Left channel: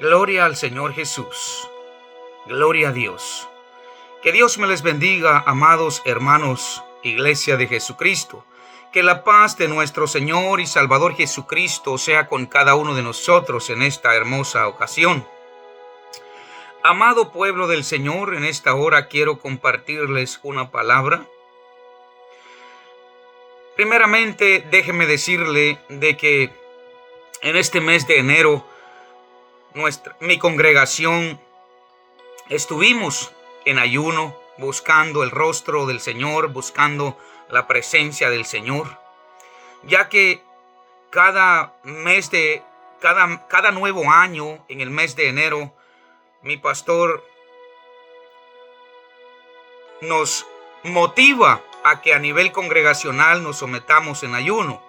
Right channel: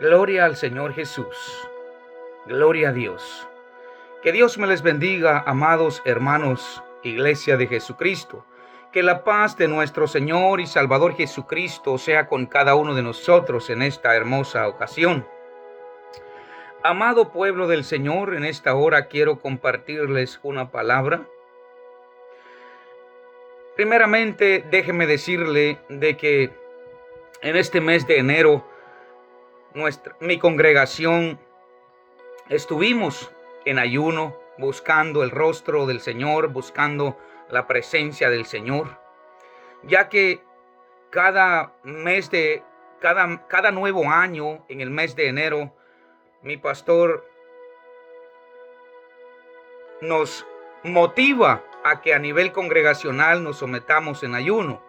Gloria al Señor Jesús. Gloria a Dios. Que Dios me les bendiga, amados hermanos, Iglesia de Jesucristo. Que la paz de nuestro Señor y Salvador Jesucristo sea con cada uno de nosotros en esta hermosa ocasión. Amado pueblo del Señor, en esta hora quiero compartirles una palabra. Primeramente, déjeme decirle de que en este mes de enero, mi congregación estuvimos en ayuno, buscando el rostro del Señor, buscando la presencia del Señor, ya que cada nuevo año, en el mes de enero, mi pastor nos motiva a que a nivel congregacional nos sometamos en ayuno.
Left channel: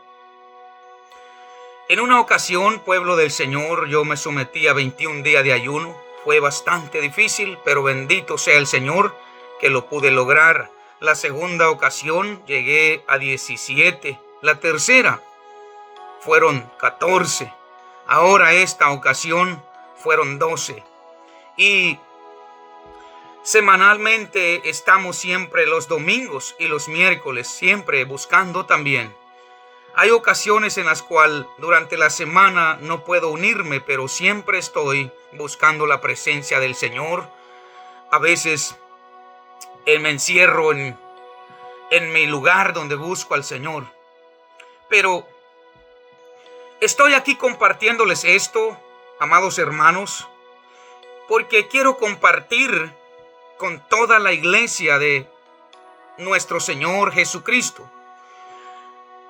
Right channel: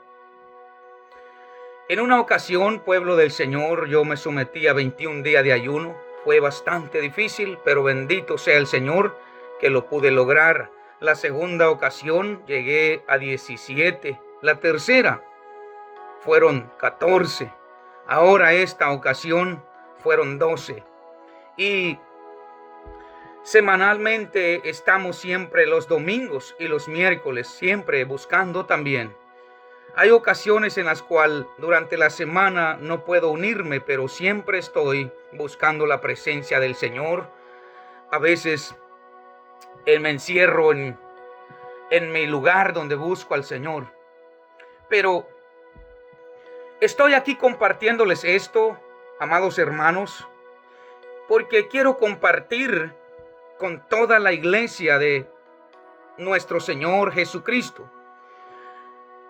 En una ocasión, pueblo del Señor, yo me sometí a 21 días de ayuno. Fue bastante difícil, pero bendito sea el Señor que lo pude lograr. La segunda ocasión llegué a 17. La tercera fueron 14. Ahora esta ocasión fueron 12. Y semanalmente estamos siempre los domingos y los miércoles, siempre buscando también. Hay ocasiones en las cuales durante la semana no puedo unirme, pero siempre estoy buscando la presencia del Señor. A veces me encierro en mi lugar donde busco al Señor. Pero estoy aquí compartiéndoles esto, amados hermanos, porque quiero compartir con toda la iglesia de nuestro Señor Jesucristo.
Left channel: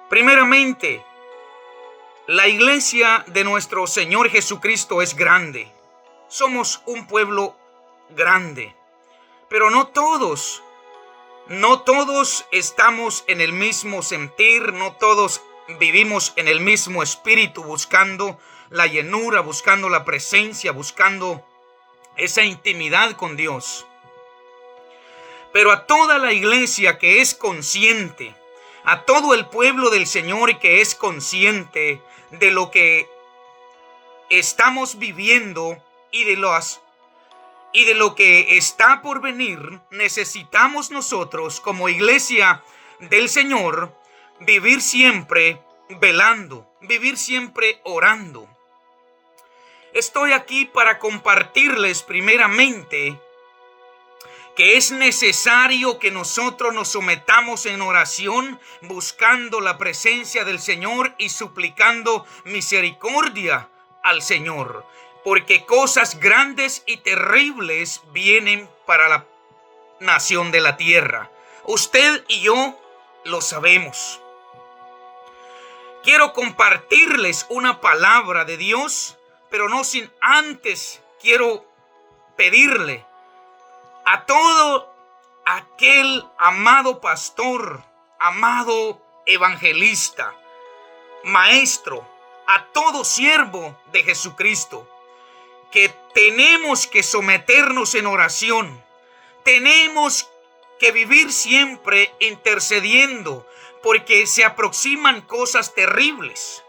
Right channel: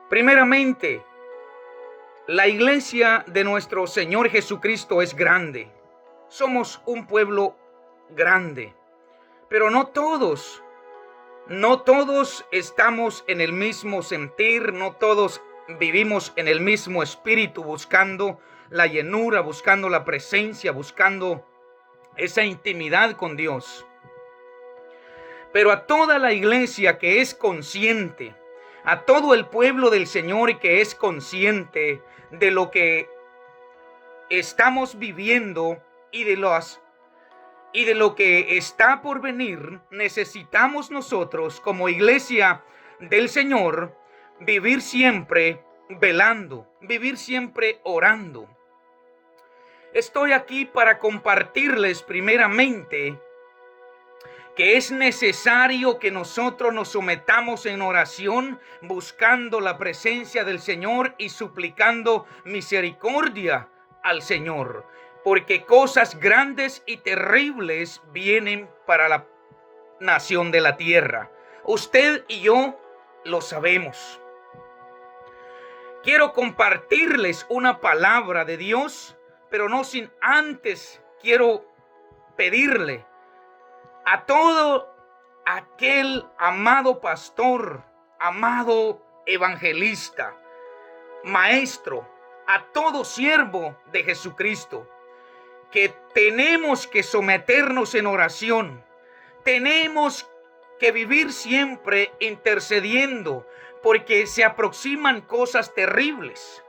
Primeramente, la iglesia de nuestro Señor Jesucristo es grande. Somos un pueblo grande, pero no todos estamos en el mismo sentir, no todos vivimos en el mismo espíritu, buscando la llenura, buscando la presencia, buscando esa intimidad con Dios. Pero a toda la iglesia que es consciente, a todo el pueblo del Señor que es consciente de lo que estamos viviendo y de lo que está por venir, necesitamos nosotros como iglesia del Señor vivir siempre velando, vivir siempre orando. Estoy aquí para compartirles primeramente que es necesario que nosotros nos sometamos en oración, buscando la presencia del Señor y suplicando misericordia al Señor, porque cosas grandes y terribles vienen para la nación de la tierra. Usted y yo lo sabemos. Quiero compartirles una palabra de Dios, pero no sin antes quiero pedirle a todo aquel amado pastor, amado evangelista, maestro, a todo siervo de Jesucristo, que tenemos que someternos en oración. Tenemos que vivir siempre intercediendo, porque se aproximan cosas terribles.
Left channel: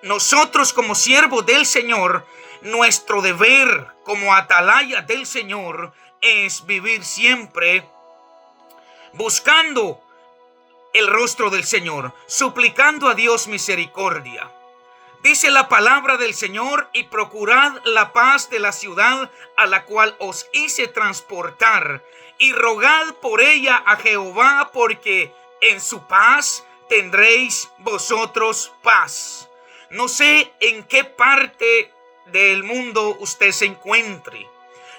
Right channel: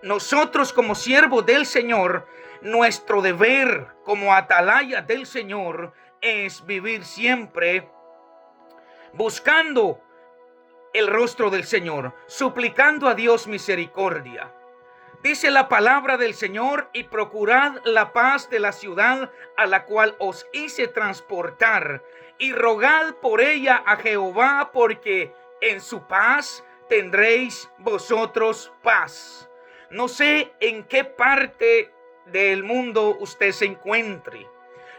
Nosotros como siervos del Señor, nuestro deber como atalaya del Señor es vivir siempre buscando el rostro del Señor, suplicando a Dios misericordia. Dice la palabra del Señor: y procurad la paz de la ciudad a la cual os hice transportar, y rogad por ella a Jehová, porque en su paz tendréis vosotros paz. No sé en qué parte del mundo usted se encuentre.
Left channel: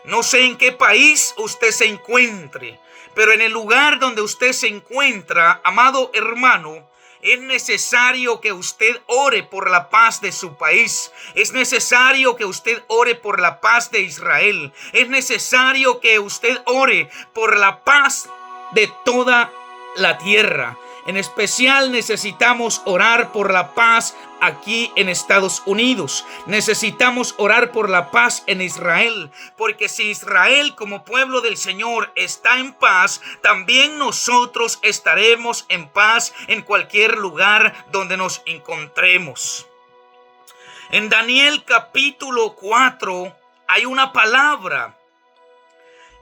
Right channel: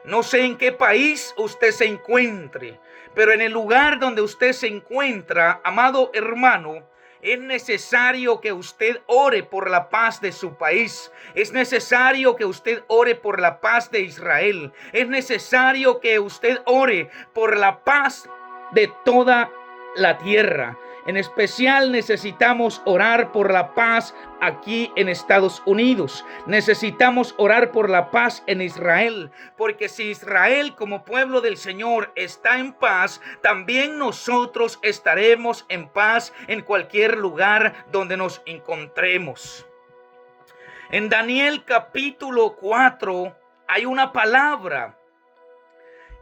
No sé en qué país usted se encuentre, pero en el lugar donde usted se encuentra, amado hermano, es necesario que usted ore por la paz de su país. Es necesario que usted ore por la paz de Israel. Es necesario que usted ore por la paz de toda la tierra. En especial necesitamos orar por la paz aquí en Estados Unidos. Necesitamos orar por la paz en Israel, porque si Israel como pueblo del Señor está en paz, también nosotros estaremos en paz en cualquier lugar donde nos encontremos. En Daniel capítulo 4 hay una palabra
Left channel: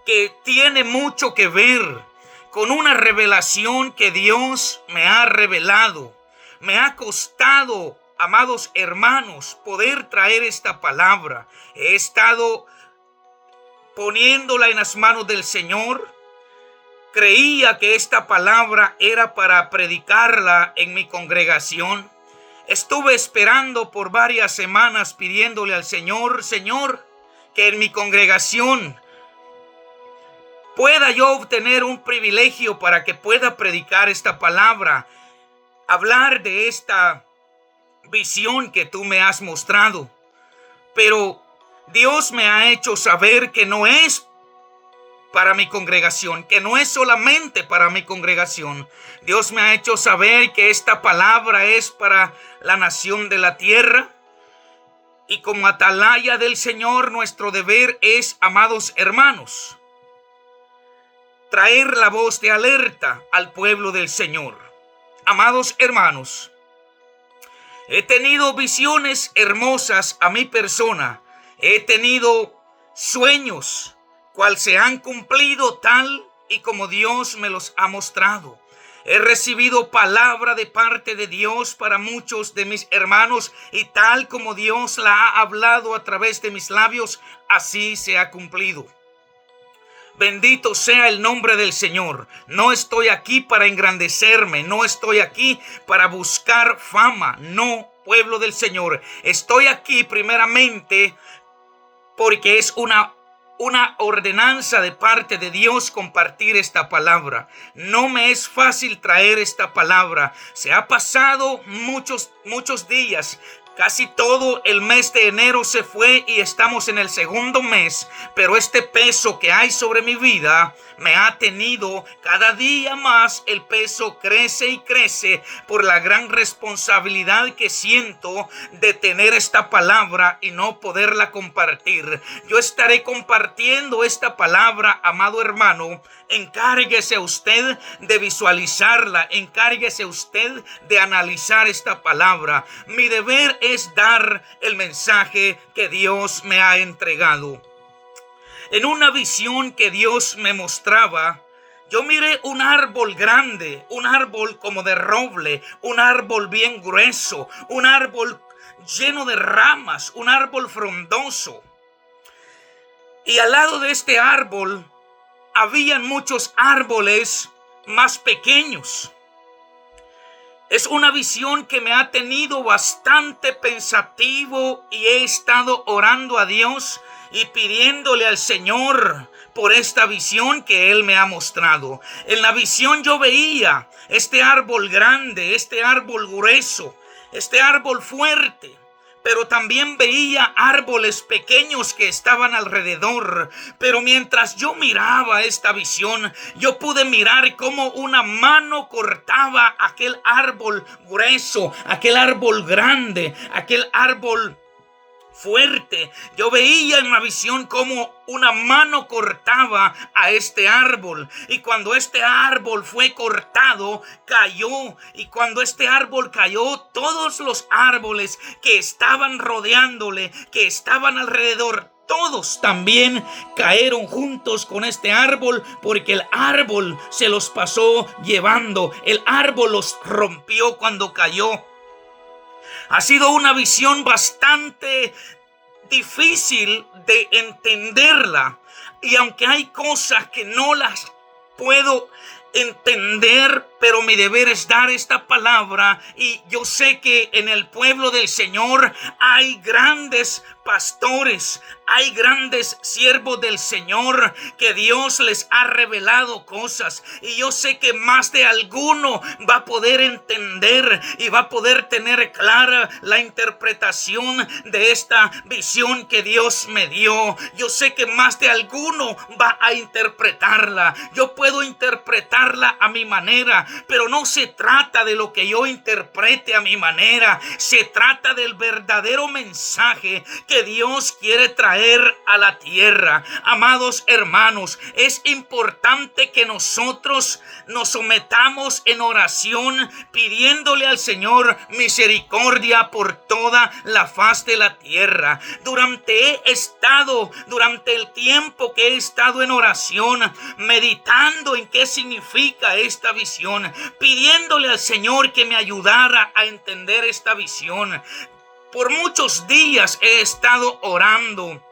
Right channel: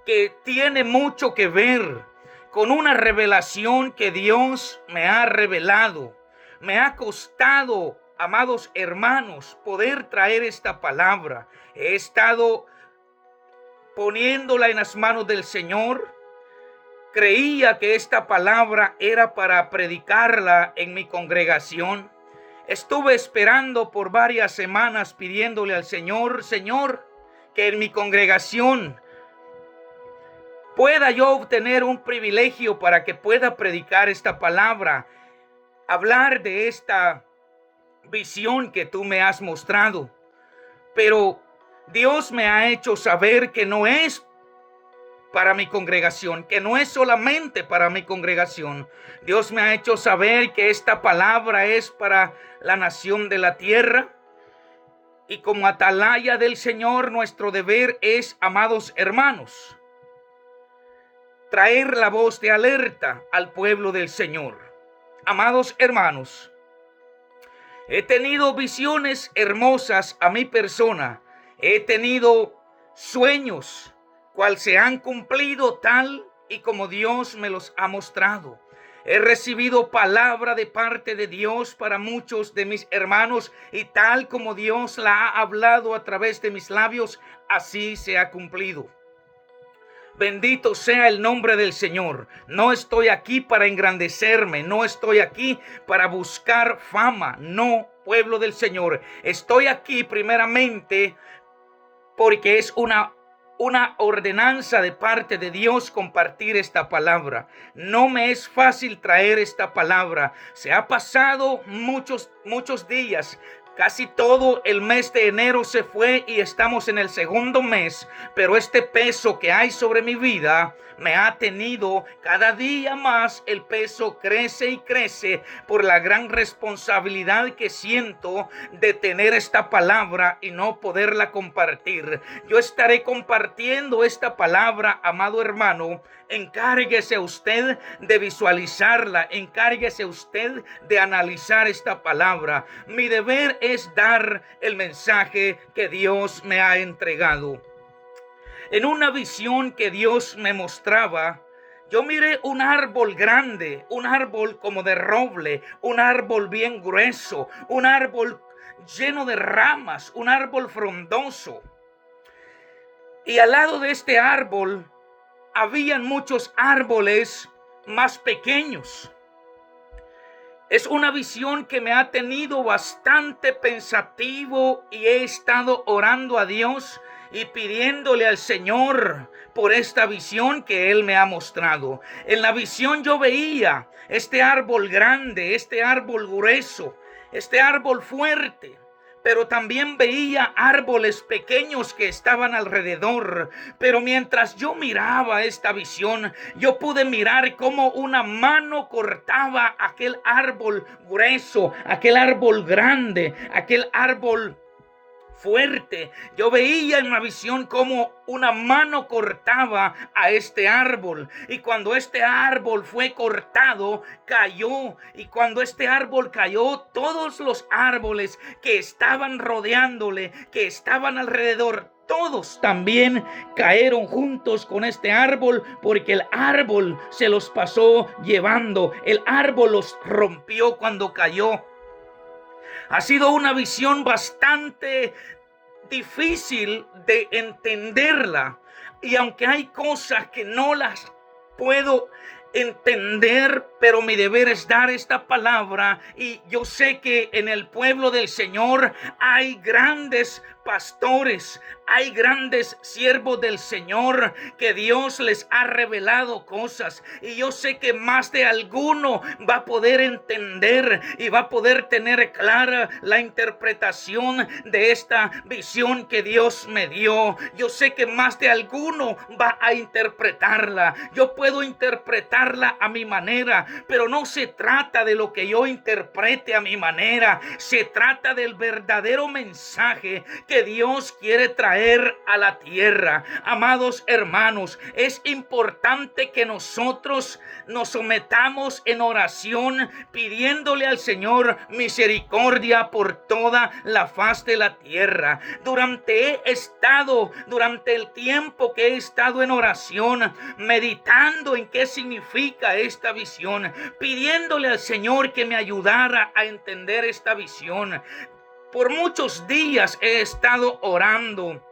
que tiene mucho que ver con una revelación que Dios me ha revelado. Me ha costado, amados hermanos, poder traer esta palabra. He estado poniéndola en las manos del Señor. Creía que esta palabra era para predicarla en mi congregación. Estuve esperando por varias semanas pidiéndole al Señor, Señor, que en mi congregación pueda yo obtener un privilegio para que pueda predicar esta palabra, hablar de esta visión que tú me has mostrado. Pero Dios me ha hecho saber que no es para mi congregación, que no es solamente para mi congregación. Dios me ha hecho saber que esta palabra es para la nación de la tierra. Y como atalaya del Señor, nuestro deber es, amados hermanos, traer la voz de alerta al pueblo del Señor. Amados hermanos, he tenido visiones hermosas a mi persona. He tenido sueños cual se han cumplido tal y como Dios me los ha mostrado. He recibido palabra de parte de Dios para muchos de mis hermanos, y tal como Dios la ha hablado a través de mis labios, así se ha cumplido. Bendito sea el nombre del Señor. No estoy aquí para engrandecerme, no estoy aquí para buscar fama, no, pueblo del Señor. Estoy aquí primeramente porque es una ordenanza de parte de Dios compartir esta palabra. No me es fácil traer esta palabra. Se ha pasado muchos días. Casi todo el mes de enero se fue y estamos en el segundo mes, pero este peso que hay sobre mi vida me ha tenido cada día más. El peso crece y crece por la gran responsabilidad que siento de tener esta palabra y no poderla compartir. Yo estaré compartiendo esta palabra, amado hermano. Encárguese usted de visualizarla, encárguese usted de analizar esta palabra. Mi deber es dar el mensaje que Dios me ha entregado. En una visión que Dios me mostraba, yo miré un árbol grande, un árbol como de roble, un árbol bien grueso, un árbol lleno de ramas, un árbol frondoso. Y al lado de este árbol habían muchos árboles más pequeños. Es una visión que me ha tenido bastante pensativo y he estado orando a Dios y pidiéndole al Señor por esta visión que Él me ha mostrado. En la visión yo veía este árbol grande, este árbol grueso, este árbol fuerte. Pero también veía árboles pequeños que estaban alrededor. Pero mientras yo miraba esta visión, yo pude mirar cómo una mano cortaba aquel árbol grueso, aquel árbol grande, aquel árbol fuerte. Yo veía en la visión cómo una mano cortaba a este árbol, y cuando este árbol fue cortado, cayó, y cuando este árbol cayó, todos los árboles que estaban rodeándole, que estaban alrededor, todos también cayeron juntos con este árbol, porque el árbol se los pasó llevando. El árbol los rompió cuando cayó. Ha sido una visión bastante difícil de entenderla, y aunque hay cosas que no las puedo entender, pero mi deber es dar esta palabra. Y yo sé que en el pueblo del Señor hay grandes pastores, hay grandes siervos del Señor que Dios les ha revelado cosas, y yo sé que más de alguno va a poder entender y va a poder tener clara la interpretación de esta visión que Dios me dio. Yo sé que más de alguno va a interpretarla. Yo puedo interpretar interpretarla a mi manera, pero no se trata de lo que yo interprete a mi manera. Se trata del verdadero mensaje que Dios quiere traer a la tierra. Amados hermanos, es importante que nosotros nos sometamos en oración, pidiéndole al Señor misericordia por toda la faz de la tierra. Durante el tiempo que he estado en oración, meditando en qué significa esta visión, pidiéndole al Señor que me ayudara a entender esta visión. Por muchos días he estado orando.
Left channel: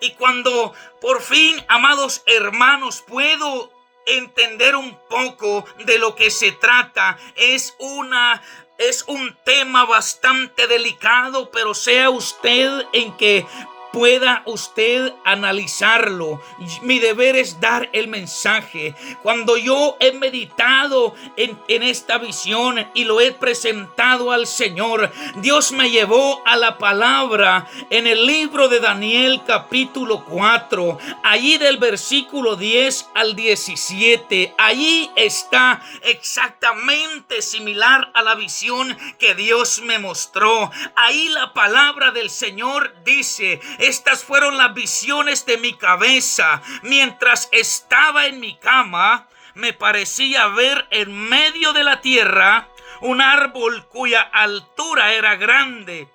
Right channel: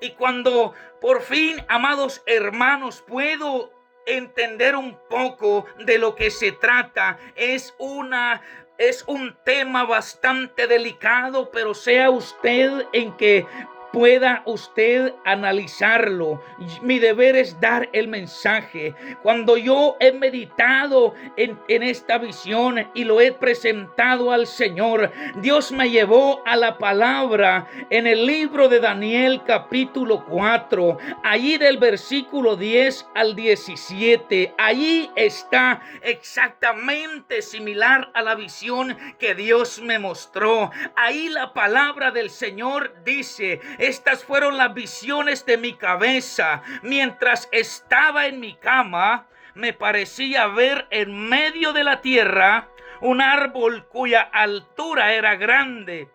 Y cuando por fin, amados hermanos, puedo entender un poco de lo que se trata, es un tema bastante delicado, pero sea usted en que pueda usted analizarlo. Mi deber es dar el mensaje. Cuando yo he meditado en esta visión y lo he presentado al Señor, Dios me llevó a la palabra en el libro de Daniel capítulo 4, allí del versículo 10 al 17. Allí está exactamente similar a la visión que Dios me mostró. Ahí la palabra del Señor dice: estas fueron las visiones de mi cabeza. Mientras estaba en mi cama, me parecía ver en medio de la tierra un árbol cuya altura era grande.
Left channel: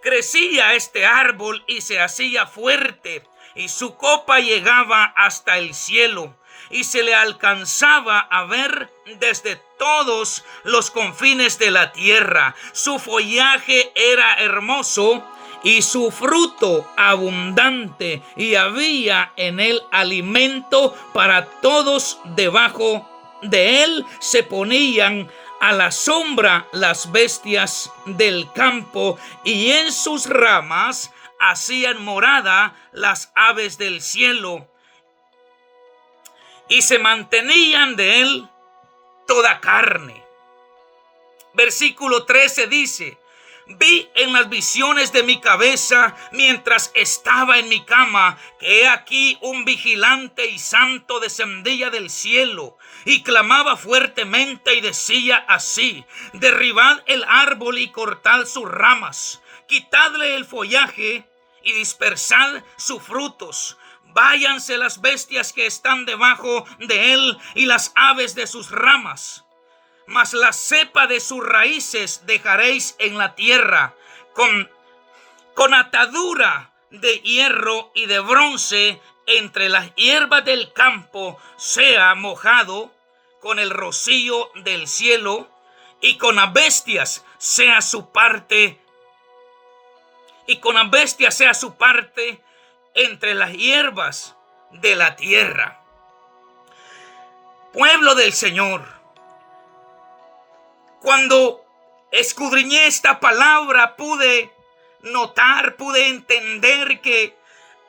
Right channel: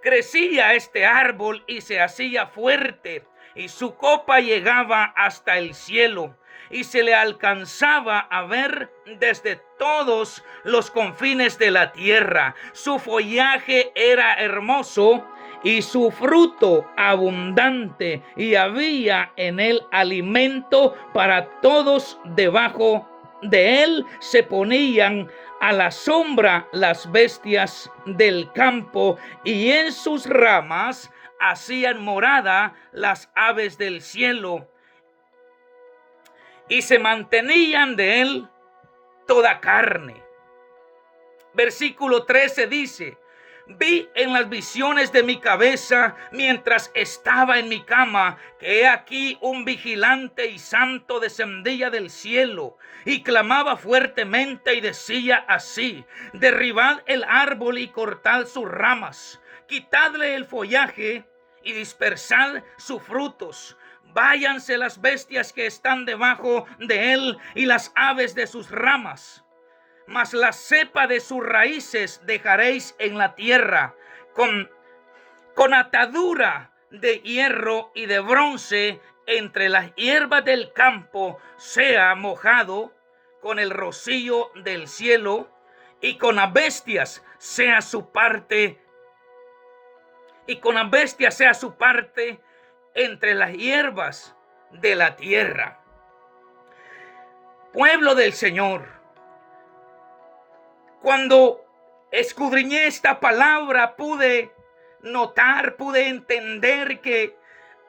Crecía este árbol y se hacía fuerte, y su copa llegaba hasta el cielo, y se le alcanzaba a ver desde todos los confines de la tierra. Su follaje era hermoso y su fruto abundante, y había en él alimento para todos. Debajo de él se ponían a la sombra las bestias del campo, y en sus ramas hacían morada las aves del cielo, y se mantenían de él toda carne. Versículo 13 dice: vi en las visiones de mi cabeza, mientras estaba en mi cama, que he aquí un vigilante y santo descendía del cielo, y clamaba fuertemente y decía así: derribad el árbol y cortad sus ramas, quitadle el follaje y dispersad sus frutos. Váyanse las bestias que están debajo de él y las aves de sus ramas. Mas la cepa de sus raíces dejaréis en la tierra, con atadura de hierro y de bronce entre las hierbas del campo, sea mojado con el rocío del cielo, y con las bestias sea su parte, entre las hierbas de la tierra. Pueblo del Señor, cuando escudriñé esta palabra, pude entender que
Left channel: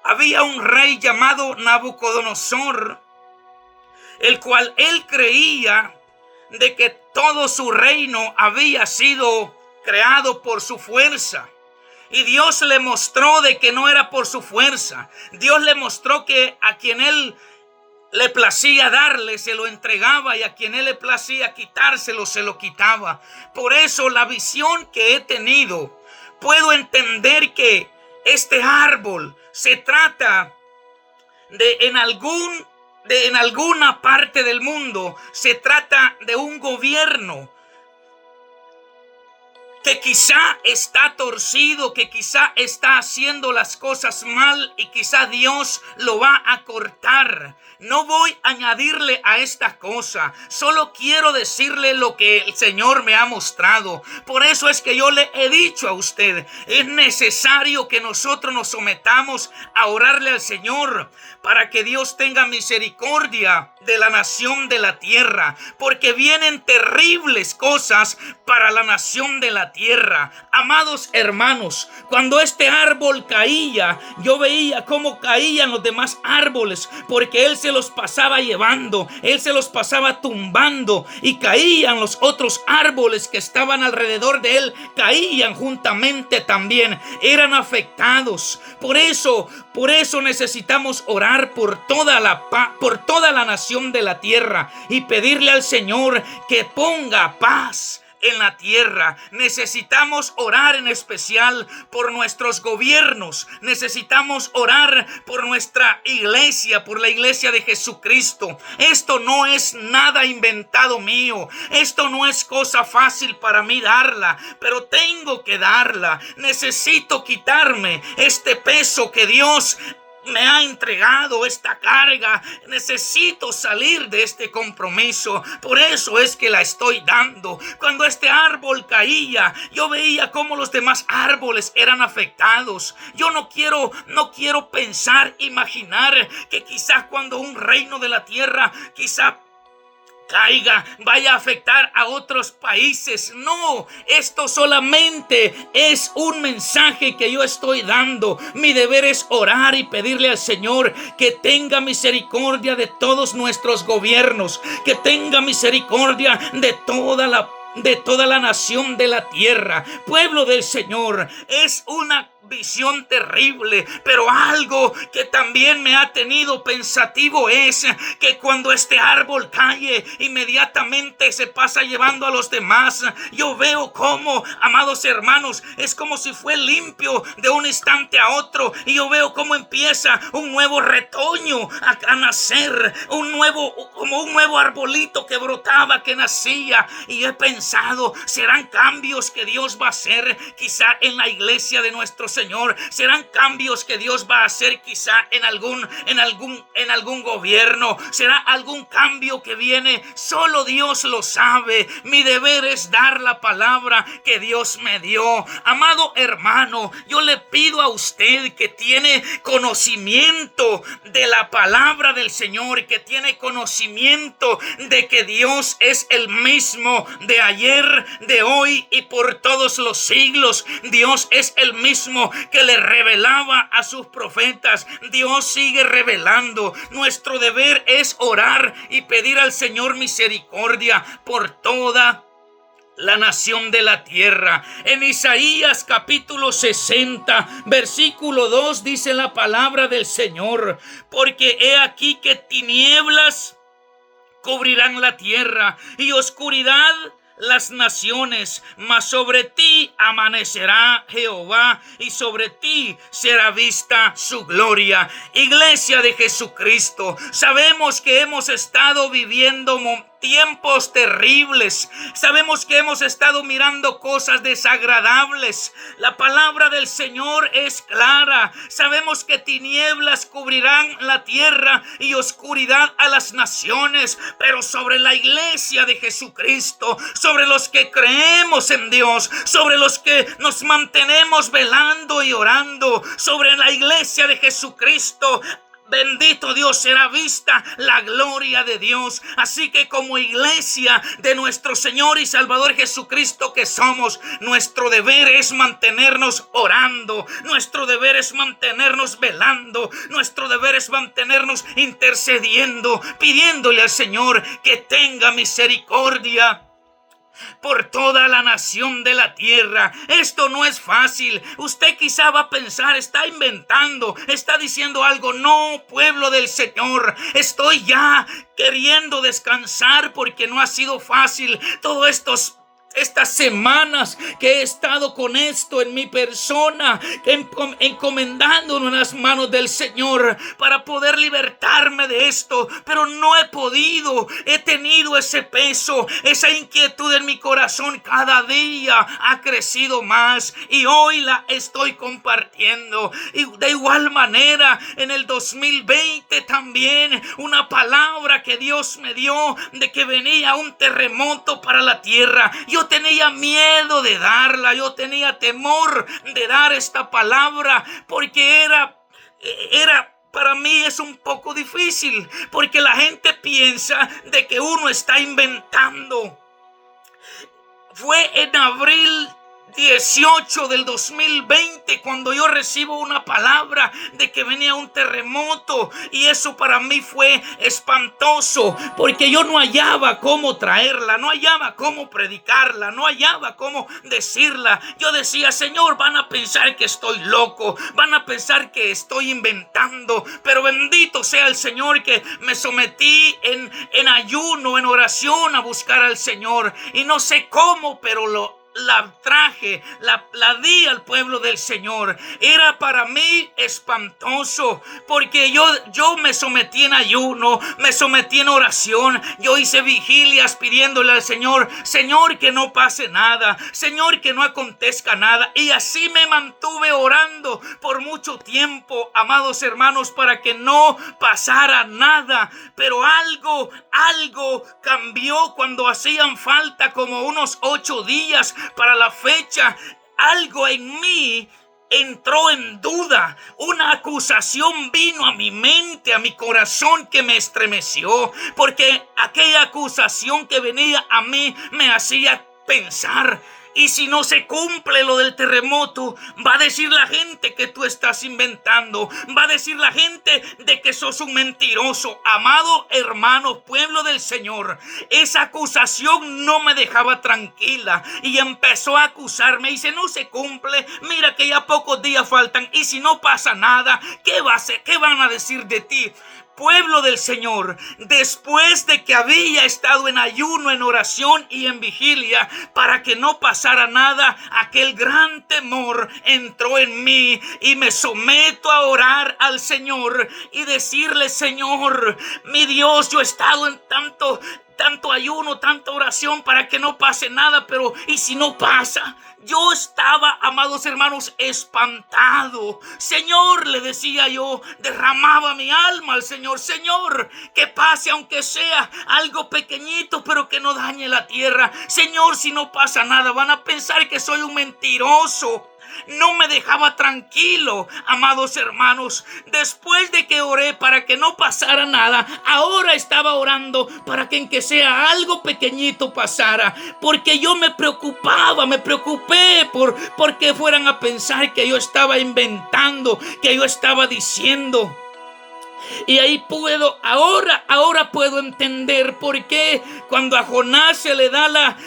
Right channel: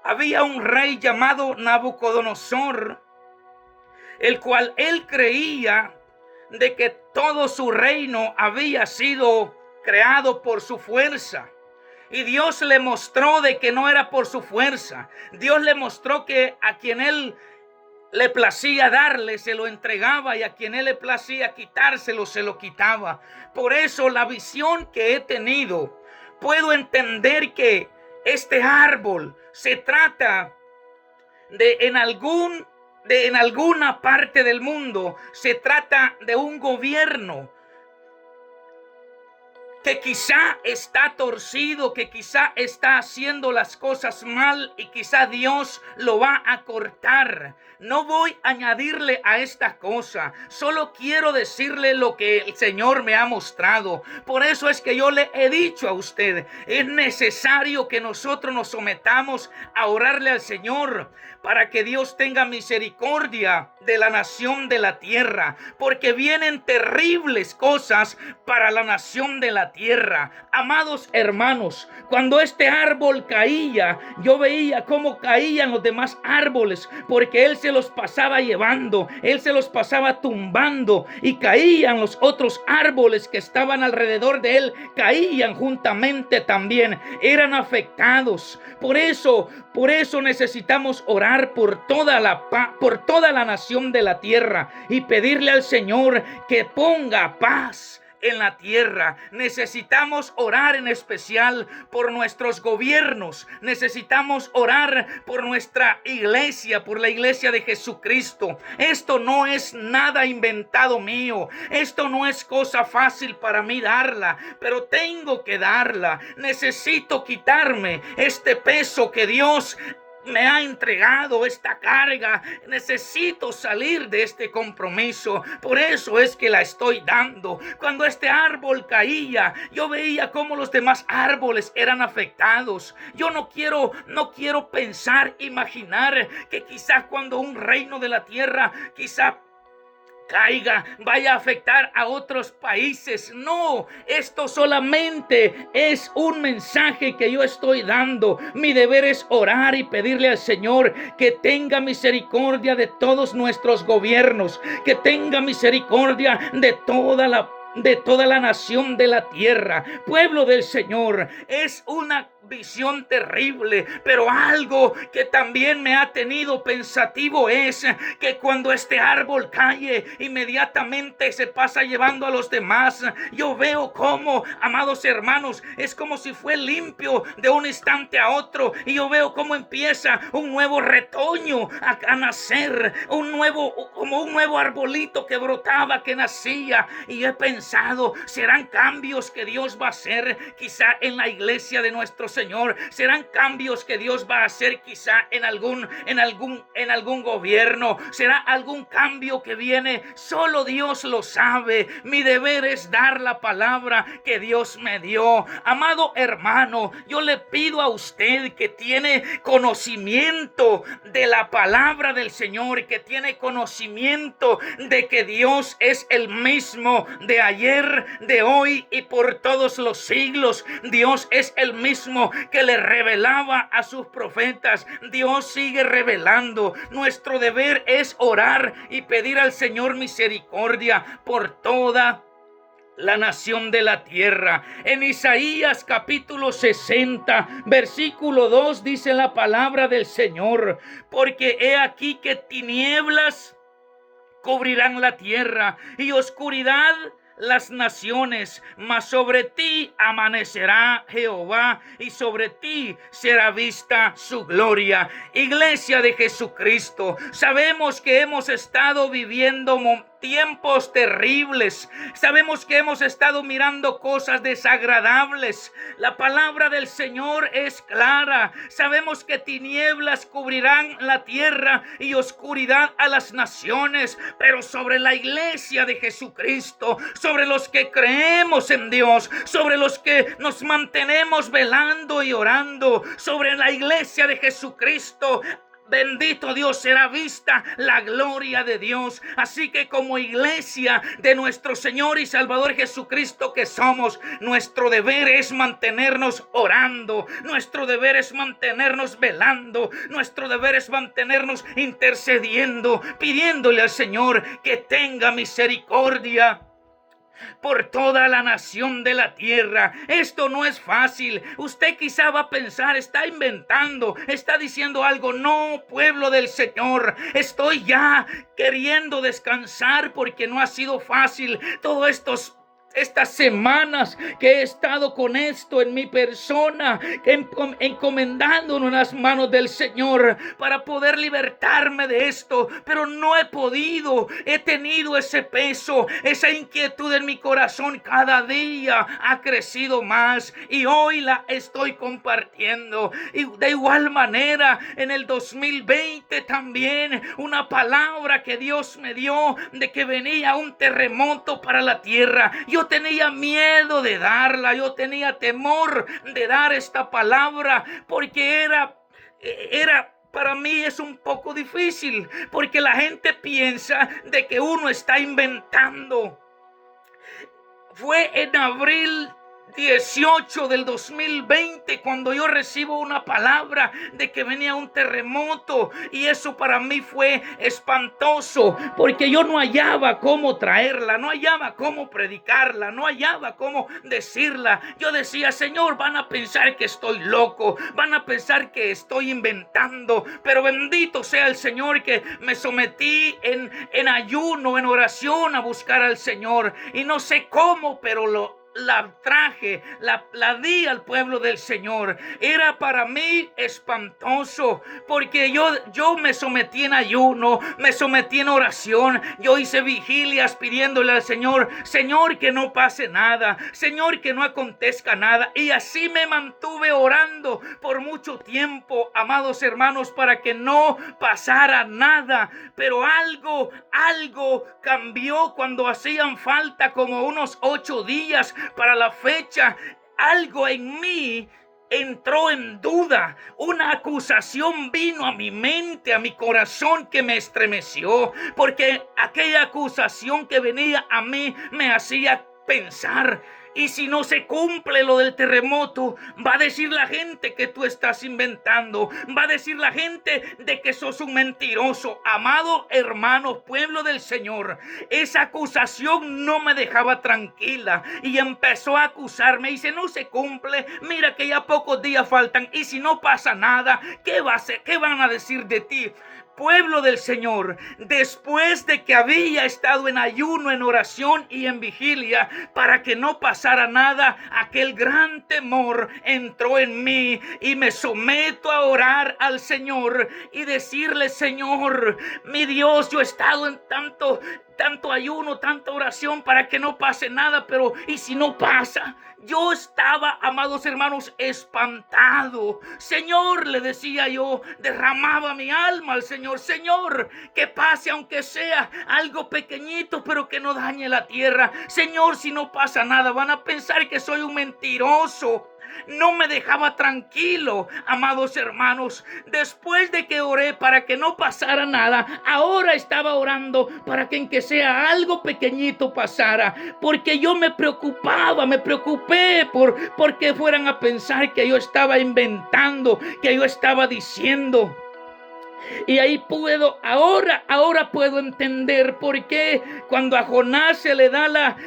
había un rey llamado Nabucodonosor, el cual él creía de que todo su reino había sido creado por su fuerza. Y Dios le mostró de que no era por su fuerza. Dios le mostró que a quien él le placía darle, se lo entregaba, y a quien él le placía quitárselo, se lo quitaba. Por eso la visión que he tenido, puedo entender que este árbol se trata en alguna parte del mundo, se trata de un gobierno que quizá está torcido, que quizá está haciendo las cosas mal, y quizá Dios lo va a cortar. No voy a añadirle a esta cosa, solo quiero decirle lo que el Señor me ha mostrado. Por eso es que yo le he dicho a usted, es necesario que nosotros nos sometamos a orarle al Señor para que Dios tenga misericordia de la nación de la tierra, porque vienen terribles cosas para la nación de la tierra. Amados hermanos, cuando este árbol caía, yo veía cómo caían los demás árboles, porque él se los pasaba llevando, él se los pasaba tumbando, y caían los otros árboles que estaban alrededor de él, caían juntamente también, eran afectados. Por eso necesitamos orar por toda la nación nación de la tierra y pedirle al Señor que ponga paz en la tierra. Necesitamos orar en especial por nuestros gobiernos. Necesitamos orar por nuestra iglesia, por la iglesia de Jesucristo. Esto no es nada inventado mío. Esto no es cosa fácil para mí darla, pero tengo que darla. Necesito quitarme este peso que Dios me ha entregado, esta carga. Necesito salir de este compromiso. Por eso es que la estoy dando. Cuando este árbol caía, yo veía cómo los demás árboles eran afectados. Yo no quiero pensar, imaginar que quizás cuando un reino de la tierra quizá caiga, vaya a afectar a otros países. No, esto solamente es un mensaje que yo estoy dando. Mi deber es orar y pedirle al Señor que tenga misericordia de todos nuestros gobiernos, que tenga misericordia de toda la nación de la tierra. Pueblo del Señor, es una visión terrible, pero algo que también me ha tenido pensativo es que cuando este árbol cae, inmediatamente se pasa llevando a los demás. Yo veo cómo, amados hermanos, es como si fue limpio de un instante a otro, y yo veo cómo empieza un nuevo retoño a nacer, como un nuevo arbolito que brotaba, que nacía. Y he pensado, serán cambios que Dios va a hacer quizá en la iglesia de nuestro Señor. Serán cambios que Dios va a hacer quizá en algún gobierno. Será algún cambio que viene. Solo Dios lo sabe. Mi deber es dar la palabra que Dios me dio. Amado hermano, yo le pido a usted que tiene conocimiento de la palabra del Señor, que tiene conocimiento de que Dios es el mismo de ayer, de hoy y por todos los siglos. Dios es el mismo que le revelaba a sus profetas. Dios sigue revelando. Nuestro deber es orar y pedir al Señor misericordia por toda la nación de la tierra. En Isaías capítulo 60, versículo 2 dice la palabra del Señor: porque he aquí que tinieblas cubrirán la tierra y oscuridad las naciones, mas sobre ti amanecerá Jehová y sobre ti será vista su gloria. Iglesia de Jesucristo, sabemos que hemos estado viviendo tiempos terribles. Sabemos que hemos estado mirando cosas desagradables. La palabra del Señor es clara. Sabemos que tinieblas cubrirán la tierra y oscuridad a las naciones, pero sobre la iglesia de Jesucristo, sobre los que creemos en Dios, sobre los que nos mantenemos velando y orando, sobre la iglesia de Jesucristo, bendito Dios, será vista la gloria de Dios. Así que como iglesia de nuestro Señor y Salvador Jesucristo que somos, nuestro deber es mantenernos orando, nuestro deber es mantenernos velando, nuestro deber es mantenernos intercediendo, pidiéndole al Señor que tenga misericordia por toda la nación de la tierra. Esto no es fácil. Usted quizá va a pensar, está inventando, está diciendo algo. No, pueblo del Señor, estoy ya queriendo descansar porque no ha sido fácil todos estas semanas que he estado con esto en mi persona, encomendándonos en las manos del Señor para poder libertarme de esto, pero no he podido. He tenido ese peso, esa inquietud en mi corazón. Cada día ha crecido más y hoy la estoy compartiendo. Y de igual manera, en el 2020 también, una palabra que Dios me dio de que venía un terremoto para la tierra. Yo tenía miedo de darla, yo tenía temor de dar esta palabra porque para mí es un poco difícil, porque la gente piensa de que uno está inventando. Fue en abril 18 del 2020, cuando yo recibo una palabra de que venía un terremoto, y eso para mí fue espantoso, porque yo no hallaba cómo traerla, no hallaba cómo predicarla, no hallaba cómo decirla. Yo decía: Señor, van a pensar que estoy loco, van a pensar que estoy inventando, pero bendito sea el Señor que me sometí en ayuno, en oración, a buscar al Señor, y no sé cómo, pero la traje, la di al pueblo del Señor. Era para mí espantoso, porque yo me sometí en ayuno, me sometí en oración, yo hice vigilias pidiéndole al Señor: Señor, que no pase nada, Señor, que no acontezca nada, y así me mantuve orando por mucho tiempo, amados hermanos, para que no pasara nada. Pero algo cambió cuando hacían falta como unos 8 días para la fecha. Algo en mí entró en duda. Una acusación vino a mi mente, a mi corazón, que me estremeció, porque aquella acusación que venía a mí me hacía pensar: y si no se cumple lo del terremoto, va a decir la gente que tú estás inventando, va a decir la gente de que sos un mentiroso. Amado hermano, pueblo del Señor, esa acusación no me dejaba tranquila, y empezó a acusarme. Y si no se cumple, mira que ya pocos días faltan, y si no pasa nada, ¿qué van a decir de ti? Pueblo del Señor, después de que había estado en ayuno, en oración y en vigilia para que no pasara nada, aquel gran temor entró en mí, y me someto a orar al Señor y decirle: Señor, mi Dios, yo he estado en tanto ayuno, tanta oración para que no pase nada, pero ¿y si no pasa? Yo estaba, amados hermanos, espantado. Señor, le decía yo, derramaba mi alma al Señor: Señor, que pase aunque sea algo pequeñito, pero que no dañe la tierra. Señor, si no pasa nada, van a pensar que soy un mentiroso. No me dejaba tranquilo, amados hermanos. Después de que oré para que no pasara nada, ahora estaba orando para que en que sea algo pequeñito pasara, porque yo me preocupé porque fueran a pensar que yo estaba inventando, que yo estaba diciendo. Y ahí ahora puedo entender por qué cuando a Jonás se le da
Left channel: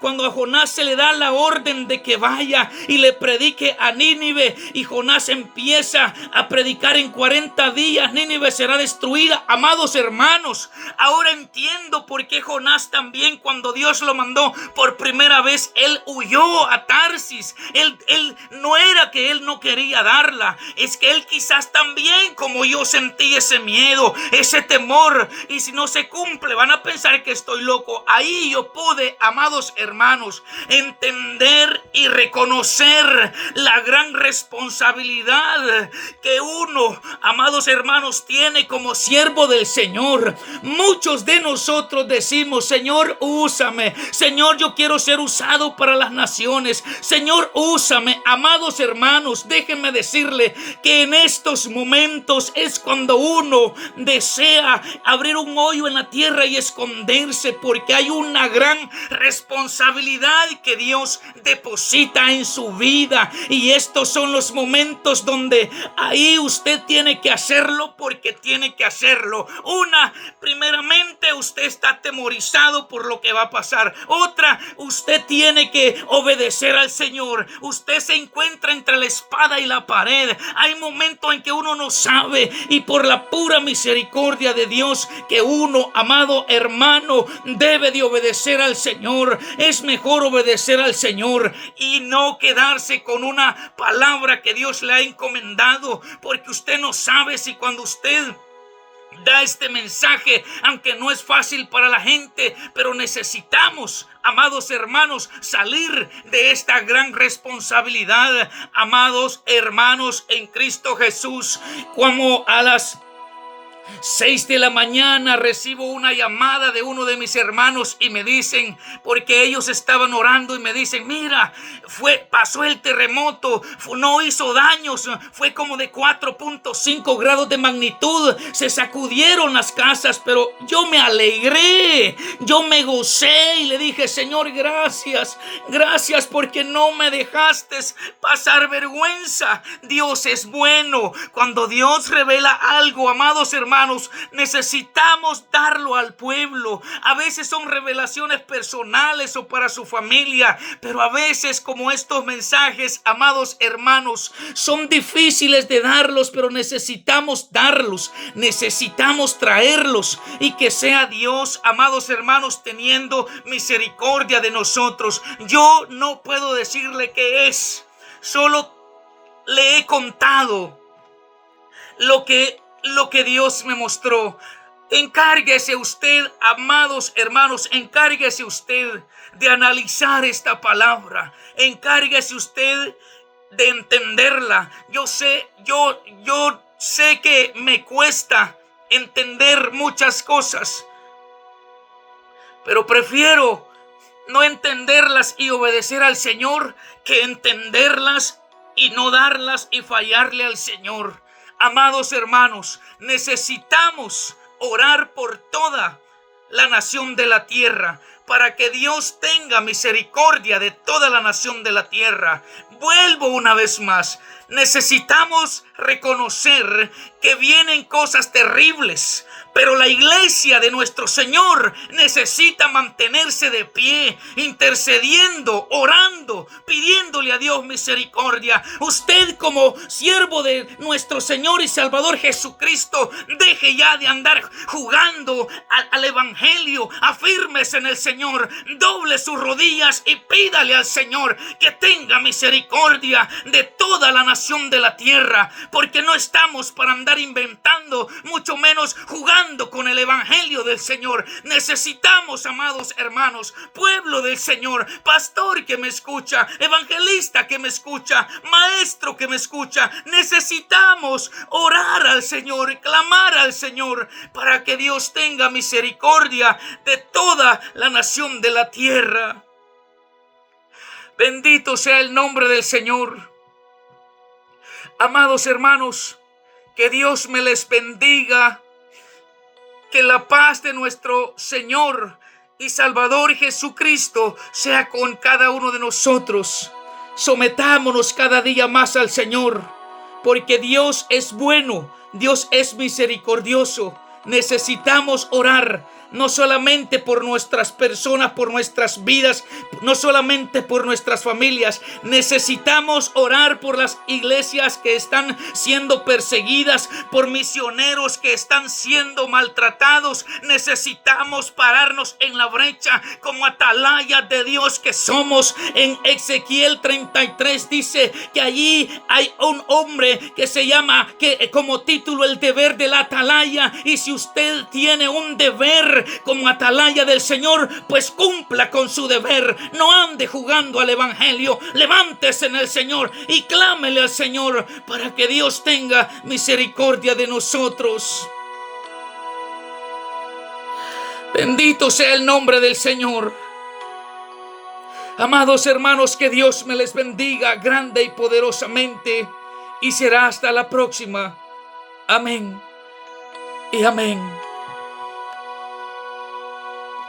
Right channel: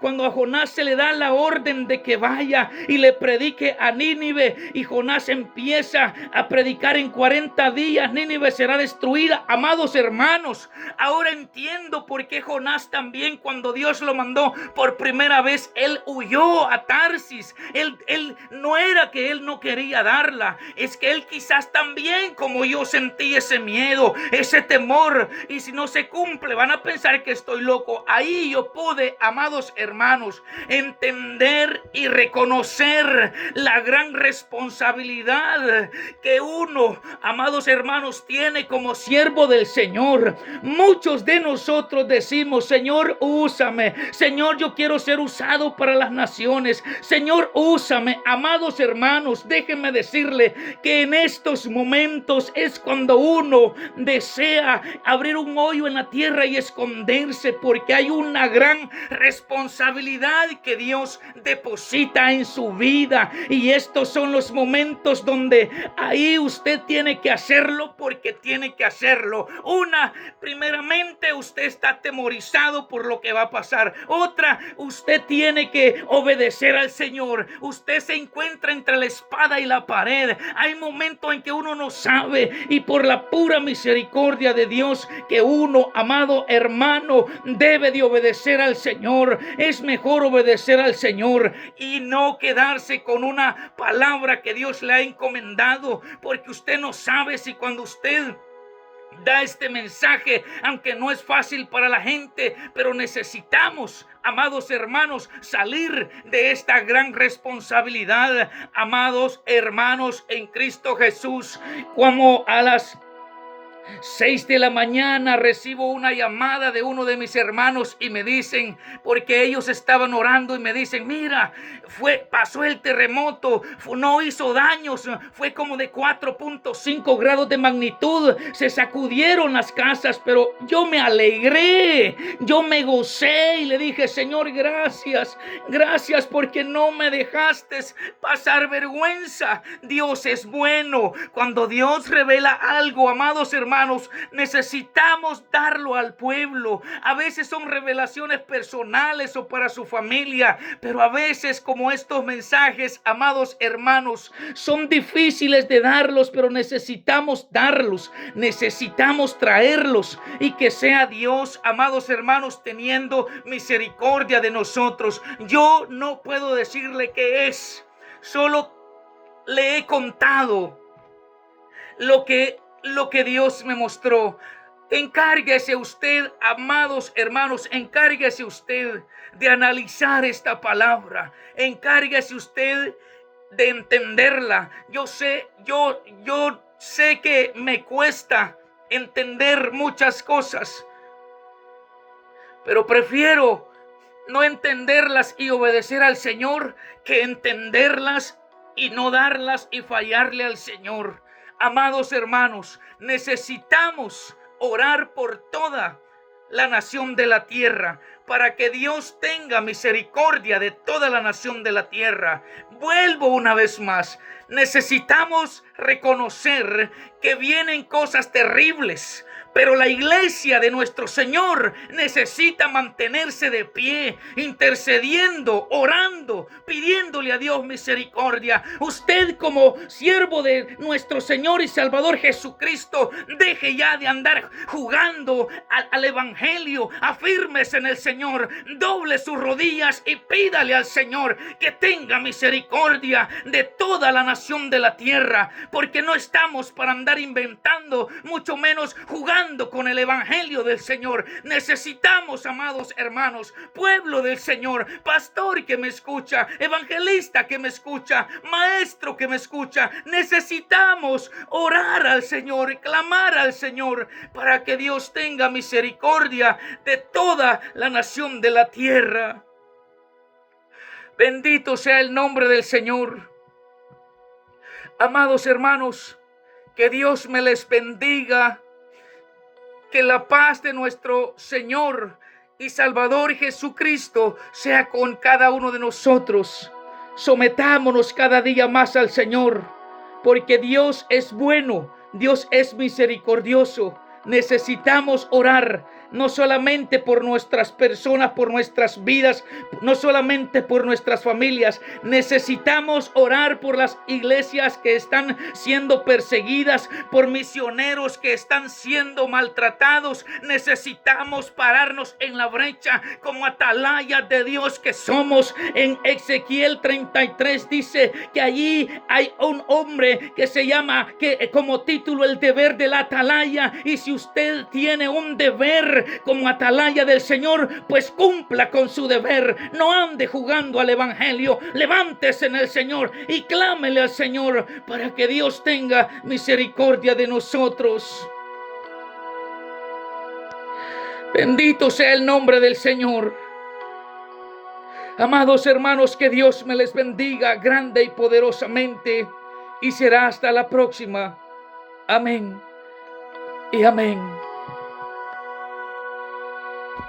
cuando a Jonás se le da la orden de que vaya y le predique a Nínive, y Jonás empieza a predicar: en 40 días Nínive será destruida. Amados hermanos, ahora entiendo por qué Jonás también, cuando Dios lo mandó por primera vez, él huyó a Tarsis. Él no era que él no quería darla, es que él quizás también, como yo, sentí ese miedo, ese temor, y si no se cumple van a pensar que estoy loco. Ahí yo pude, amados hermanos, entender y reconocer la gran responsabilidad que uno, amados hermanos, tiene como siervo del Señor. Muchos de nosotros decimos: Señor, úsame. Señor, yo quiero ser usado para las naciones. Señor, úsame. Amados hermanos, déjenme decirle que en estos momentos es cuando uno desea abrir un hoyo en la tierra y esconderse, porque hay una gran responsabilidad que Dios deposita en su vida, y estos son los momentos donde ahí usted tiene que hacerlo, porque tiene que hacerlo. Primeramente, usted está atemorizado por lo que va a pasar. Otra, usted tiene que obedecer al Señor. Usted se encuentra entre la espada y la pared. Hay momentos en que uno no sabe, y por la pura misericordia de Dios, que uno, amado hermano, debe de obedecer al Señor. Es mejor obedecer al Señor y no quedarse con una palabra que Dios le ha encomendado, porque usted no sabe si cuando usted da este mensaje, aunque no es fácil para la gente, pero necesitamos, amados hermanos, salir de esta gran responsabilidad, amados hermanos en Cristo Jesús, como a las 6 de la mañana recibo una llamada de uno de mis hermanos y me dicen, porque ellos estaban orando y me dicen, mira, pasó el terremoto, no hizo daños, fue como de 4.5 grados de magnitud, se sacudieron las casas, pero yo me alegré, yo me gocé y le dije, Señor, gracias porque no me dejaste pasar vergüenza. Dios es bueno. Cuando Dios revela algo, amados hermanos, necesitamos darlo al pueblo. A veces son revelaciones personales o para su familia, pero a veces, como estos mensajes, amados hermanos, son difíciles de darlos, pero necesitamos darlos, necesitamos traerlos, y que sea Dios, amados hermanos, teniendo misericordia de nosotros. Yo no puedo decirle qué es, solo le he contado lo que Dios me mostró. Encárguese usted, amados hermanos, encárguese usted de analizar esta palabra. Encárguese usted de entenderla. Yo sé que me cuesta entender muchas cosas, pero prefiero no entenderlas y obedecer al Señor que entenderlas y no darlas y fallarle al Señor. Amados hermanos, necesitamos orar por toda la nación de la tierra, para que Dios tenga misericordia de toda la nación de la tierra. Vuelvo una vez más, necesitamos reconocer que vienen cosas terribles, pero la iglesia de nuestro Señor necesita mantenerse de pie, intercediendo, orando, pidiéndole a Dios misericordia. Usted, como siervo de nuestro Señor y Salvador Jesucristo, deje ya de andar jugando al evangelio. Afírmese en el Señor, doble sus rodillas y pídale al Señor que tenga misericordia de toda la nación de la tierra, porque no estamos para andar inventando, mucho menos jugando con el evangelio del Señor. Necesitamos, amados hermanos, pueblo del Señor, pastor que me escucha, evangelista que me escucha, maestro que me escucha, necesitamos orar al Señor, clamar al Señor para que Dios tenga misericordia de toda la nación de la tierra. Bendito sea el nombre del Señor. Amados hermanos, que Dios me les bendiga. Que la paz de nuestro Señor y Salvador Jesucristo sea con cada uno de nosotros. Sometámonos cada día más al Señor, porque Dios es bueno, Dios es misericordioso. Necesitamos orar, no solamente por nuestras personas, por nuestras vidas, no solamente por nuestras familias. Necesitamos orar por las iglesias que están siendo perseguidas, por misioneros que están siendo maltratados. Necesitamos pararnos en la brecha como atalaya de Dios que somos. En Ezequiel 33 dice que allí hay un hombre que se llama, que como título, el deber de la atalaya. Y si usted tiene un deber como atalaya del Señor, pues cumpla con su deber. No ande jugando al evangelio. Levántese en el Señor y clámele al Señor para que Dios tenga misericordia de nosotros. Bendito sea el nombre del Señor. Amados hermanos, que Dios me les bendiga grande y poderosamente, y será hasta la próxima. Amén y amén.